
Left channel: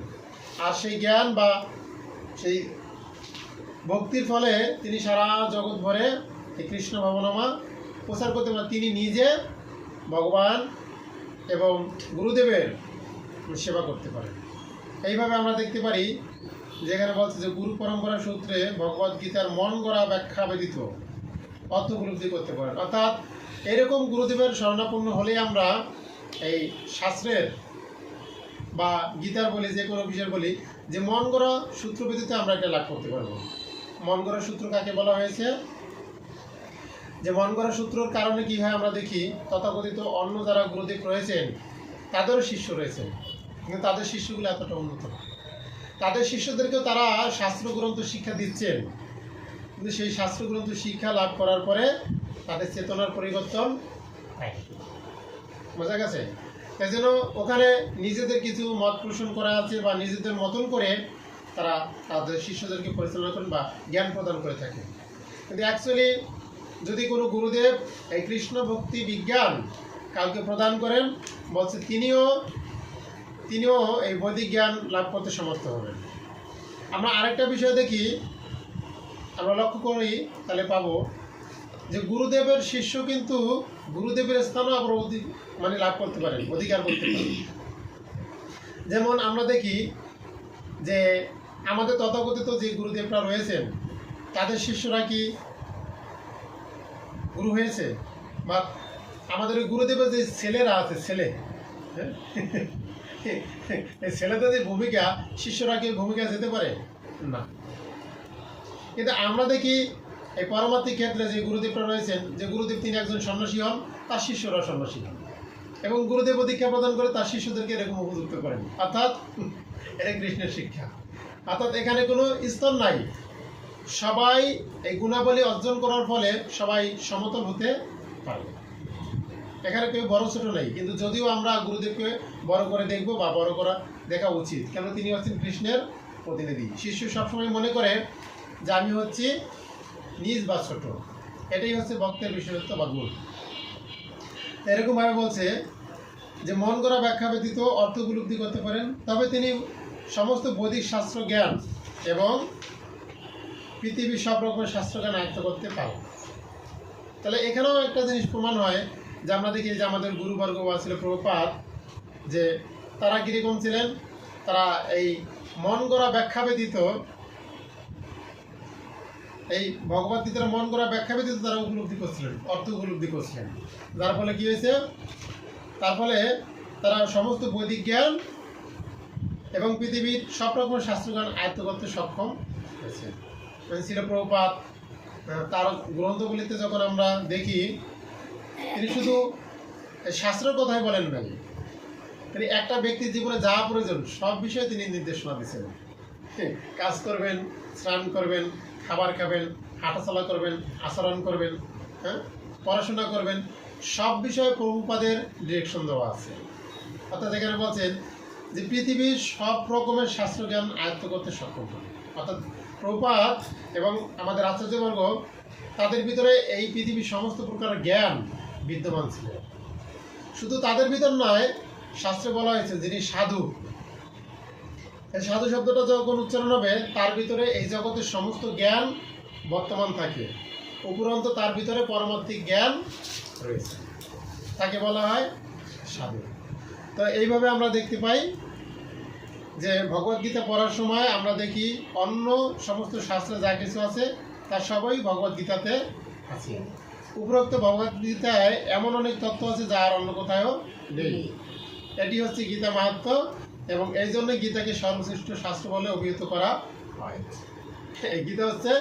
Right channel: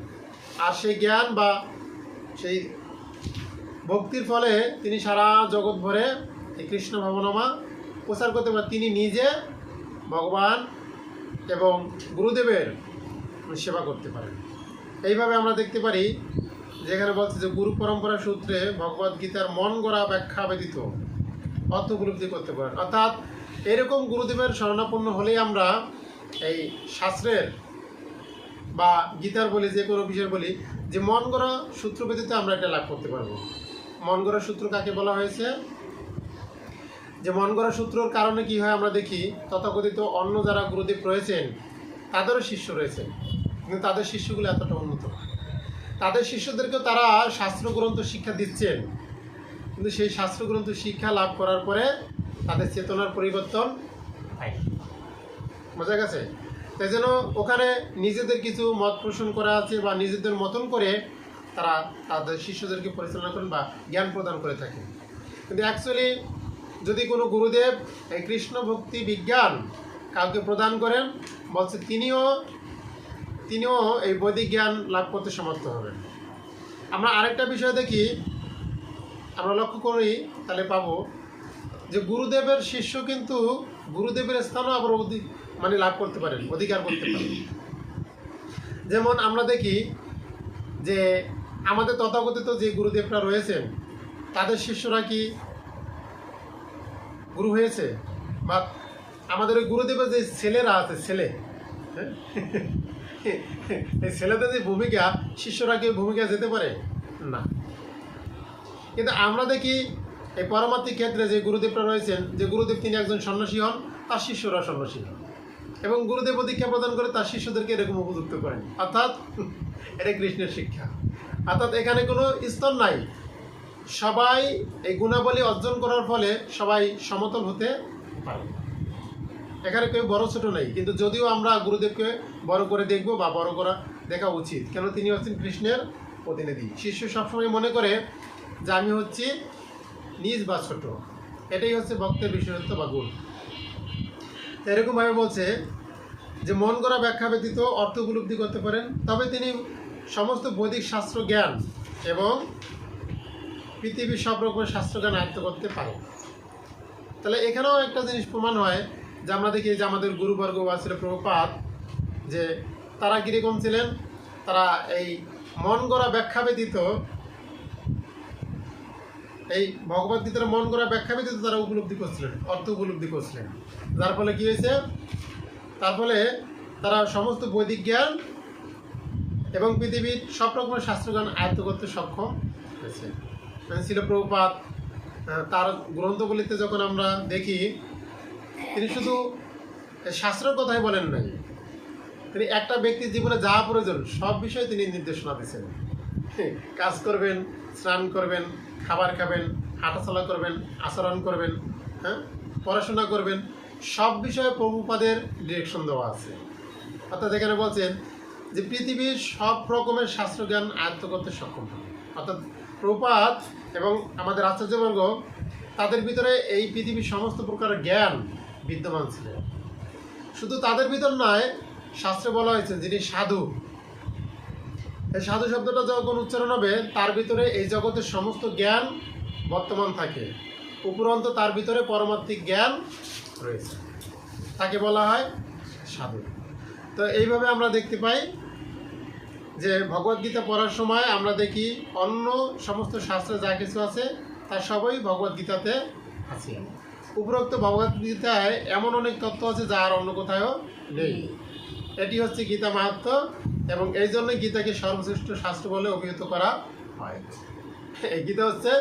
আর সেই জ্ঞান বা সেই ভক্তির ফলে তিনি সারা জগৎ ভরে এই কৃষ্ণ ভবনামা প্রচার করতে পারেন। তিনি নিজে ভগবান এবং গুরুদেবের সেবা করতে পারেন। এইভাবে আমরা দেখতে পারি যেখানে বলছে যে গুরু পরম্পরা সূত্রে ভগবদ গীতার মন গড়া ব্যাখ্যা ব্যতীত অর্থ উপলব্ধি করতে পারেন। অর্থাৎ এরকম গুরুদেবের শরণাপন্ন হলেই আমরা এই শাস্ত্রের বা গীতার বলি, যে কোনো বিষয় বলি, যে মন গড়া সূত্র ব্যতীত আমরা এটা লাভ করতে পারবো। মন গড়া সূত্র কাকে বলা হয়েছে? যে মন গড়া সূত্রর কারণে কি হয় আমরা দেখি, তথাকথিত অন্য যারা গুরুদেব রয়েছেন তাদেরও শিষ্য রয়েছেন, কিন্তু তাদের শিষ্যগুলো এতটা উন্নত না। তাদের শিষ্যদেরকেও তারা শাস্ত্রগ্রন্থ শিক্ষা দিচ্ছেন, কিন্তু সেই শাস্ত্রগ্রন্থ শিক্ষা লাভ করার পরে তাদের চেতনার পরিবর্তন হয়। বোঝা গেছে? তাই জন্য ওখানে নিজেদের কিছু মত পোষণ করা আছে বা নিজেদের মতন করে তারা তাদের শিষ্যদেরকে পরিচালনা করেন বা জ্ঞান প্রদান করে থাকেন। কিন্তু অ্যাকচুয়ালি যদি কোনো গুরুদেব এই কৃষ্ণ ভক্তি বিজ্ঞান কাউকে প্রদান করেন, বলছে তিনিও এই বৈদিক জ্ঞান লাভ করতে সমর্থ হবেন। আমরা আরেকটা বিষয় দেখি, আমরা লক্ষ্য করি, তাহলে পাবো যে গুরুদেবের শিষ্য কিন্তু গুরুদেবের স্থানও আবার লাভ করতে পারেন, অধিকার করতে পারেন। যেমন আমরা দেখি যে আমাদের তথাকথিত যে গুরুদেবরা রয়েছেন তাদের শিষ্যরা কি গুরু হয়েছে? বা আমাদের ওই গুরুদেবের যে ছেলেরা আছে, ছেলে ছেলেদের যে ভূমিকা, শিষ্যরা কি ভূমিকা যেতে পারে না। কিন্তু আমরা দেখি এই পরমাত্মিক ক্ষেত্রে যে গুরুদেবরা রয়েছেন, যে গুরুদেব তিনি একজন সন্ন্যাসী হন, তার শিষ্যরা সন্ন্যাসী হন, এবং গুরুদেব দীক্ষা প্রদান করে তার শিষ্যদেরকে এরকম উপযুক্ত করেন। অর্থাৎ এটা কৃষ্ণের শিক্ষা। অর্থাৎ এখানে কোনো স্তর নাই, সবাই এই গুণাবলী অর্জন করার ফলে সবাই সমতল হতে পারে। এখানে কেউ বড় ছোট নেই। কিন্তু যদিও আমরা গুরুদেবকে বড় করে দেখব বা বড় করা দেখা উচিত, কেন তিনি হচ্ছেন কৃষ্ণের প্রতিনিধি। শিষ্য সবসময় মনে করে যে আমি হচ্ছি নিজ বা ছোট, এটাই হচ্ছে ভক্তের বিশেষত্ব বা গুণ। এরকমভাবে বলছে যে মন গড়া ব্যাখ্যা ব্যতীত অর্থ উপলব্ধি করতে পারেন, তবে তিনি সমস্ত বৈদিক শাস্ত্র জ্ঞান এবং পৃথিবীর সব রকমের শাস্ত্রজ্ঞান আয়ত্ত করতে পারেন। তাহলে এখানেও একটা জিনিস প্রমাণ হয় যে আমরা দেখি যে আমাদের গুরুবর্গ বা ছিল প্রভুপাদ, যে তারা কীরকম ছিলেন, তারা এই মন গড়া ব্যাখ্যা ব্যতীত, এই ভগবদ্গীতার মন গড়া ব্যাখ্যা ব্যতীত তারা উপলব্ধি করছিলেন, অর্থ উপলব্ধি করছিলেন। যার ফলে কী হয়েছে, তার ফলে তারা সমস্ত বৈদিক জ্ঞান এবং পৃথিবীর সব রকমের শাস্ত্রজ্ঞান আয়ত্ত করতে সক্ষম হয়েছে। ছিল প্রভুপাদ, তার গ্রন্থগুলিতে যখন আমরা দেখি, তিনি শুধু শাস্ত্রের কথাই বলেন নাই, তিনি একটা ব্যক্তির জীবনে যা প্রয়োজন সব বিষয়ে তিনি নির্দেশনা দিয়েছেন। কাজ করবেন, স্নান করবেন, খাবার খাবেন, হাঁটাচলা করবেন, আচরণ করবেন, হ্যাঁ, পড়াশোনা করবেন, সব বিষয়ে প্রভুপাদের ডিরেকশন দেওয়া আছে। অর্থাৎ এখানে বলছেন যে পৃথিবীর সব রকমের শাস্ত্রজ্ঞান আয়ত্ত করতে সক্ষম হবে। অর্থাৎ প্রভুপাদ এবং আমাদের আচার্যবর্গ, তাদের ভিতরে এই পৃথিবীর সমস্ত প্রকার জ্ঞান বিদ্যমান ছিলেন। শুধু তাদের ভিতর নয়, শাস্ত্রে বলা হয়েছে যিনি সাধু, এই সাধু শব্দটা যখন উচ্চারণ হবে, তার ভিতরে এই জগতের সমস্ত জ্ঞান বর্তমান থাকে, উপরন্তু তার ভিতরে পরমাত্মিক জ্ঞান রয়েছে, তাকে বলা হয় সাধু। তো এইভাবে আমরা দেখতে পাই যে ভগবদ্গীতা পড়ার সময় আমরা দেখি অন্য সমস্ত শাস্ত্রে যা কিছু আছে তার সবই ভগবদ্গীতাতে আছে। উপরোক্ত ভগবদ্গীতায় এমন অনেক তত্ত্ব আছে যা আর অন্য কোথাও নেই। এটি হচ্ছে গীতা মাহাত্ম্য, এবং এই জন্যই গীতাকে সর্বশ্রেষ্ঠ শাস্ত্র বলে অভিহিত করা হয়। এই গীতা হচ্ছে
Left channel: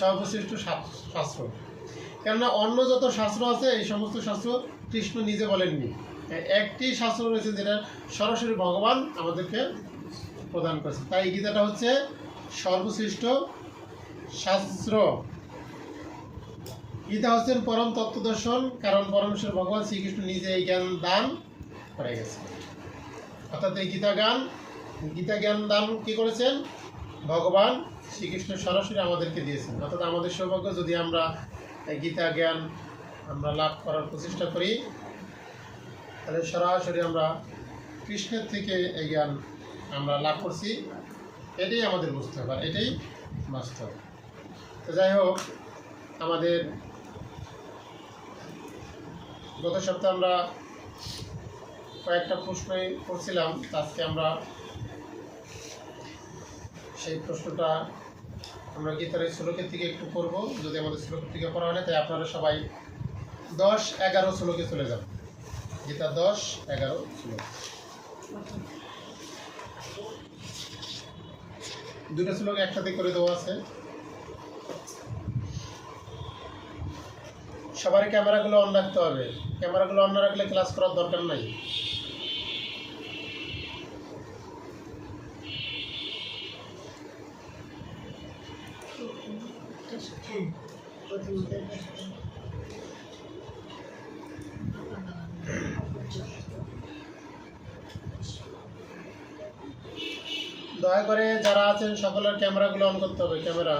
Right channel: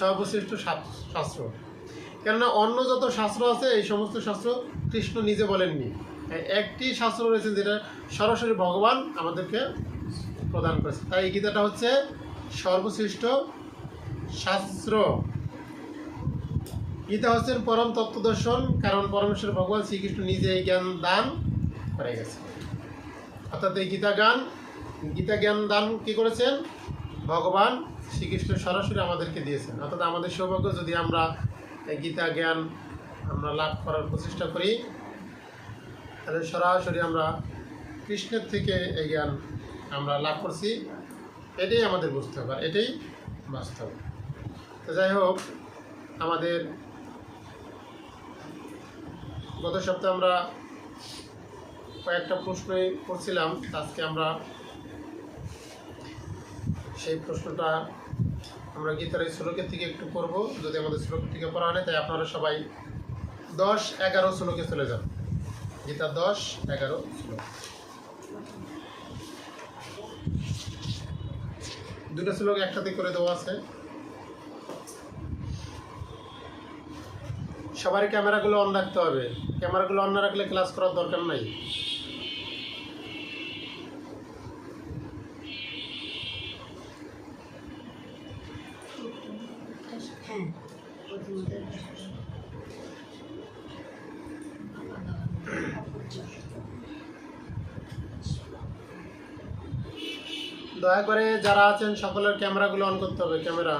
সর্বশ্রেষ্ঠ শাস্ত্র, কেননা অন্য যত শাস্ত্র আছে এই সমস্ত শাস্ত্র কৃষ্ণ নিজে বলেননি। একটি শাস্ত্র রয়েছে যেটা সরাসরি ভগবান আমাদেরকে প্রদান করেছে, তাই এই গীতাটা হচ্ছে সর্বশ্রেষ্ঠ শাস্ত্র। গীতা হচ্ছেন পরম তত্ত্বদর্শন, কারণ পরমেশ্বর ভগবান শ্রীকৃষ্ণ নিজে এই জ্ঞান দান করে গেছে। অর্থাৎ এই গীতা জ্ঞান দান কি করেছেন, ভগবান শ্রীকৃষ্ণ সরাসরি আমাদেরকে দিয়েছেন। অর্থাৎ আমাদের সৌভাগ্য যদি আমরা এই গীতা জ্ঞান আমরা লাভ করার প্রচেষ্টা করি, তাহলে সরাসরি আমরা কৃষ্ণের থেকে এই জ্ঞান আমরা লাভ করছি, এটাই আমাদের বুঝতে হবে, এটাই বাস্তব। তো যাই হোক, আমাদের গত সপ্তাহে আমরা কয়েকটা প্রশ্নই করছিলাম, আজকে আমরা সেই প্রশ্নটা আমরা গীতার এই শ্লোকের থেকে একটু করব। যদি আমাদের শ্লোকের থেকে পড়া হয়, তাই আপনারা সবাই 10-11 শ্লোকে চলে যান। গীতা 10-11 শ্লোক, দুটো শ্লোক একসাথে করে দেওয়া আছে। সবারই ক্যামেরাগুলো অন রাখতে হবে, ক্যামেরাগুলো অন না রাখলে ক্লাস করার দরকার নাই। দয়া করে যারা আছেন সকলের ক্যামেরাগুলো অন করতে হবে। ক্যামেরা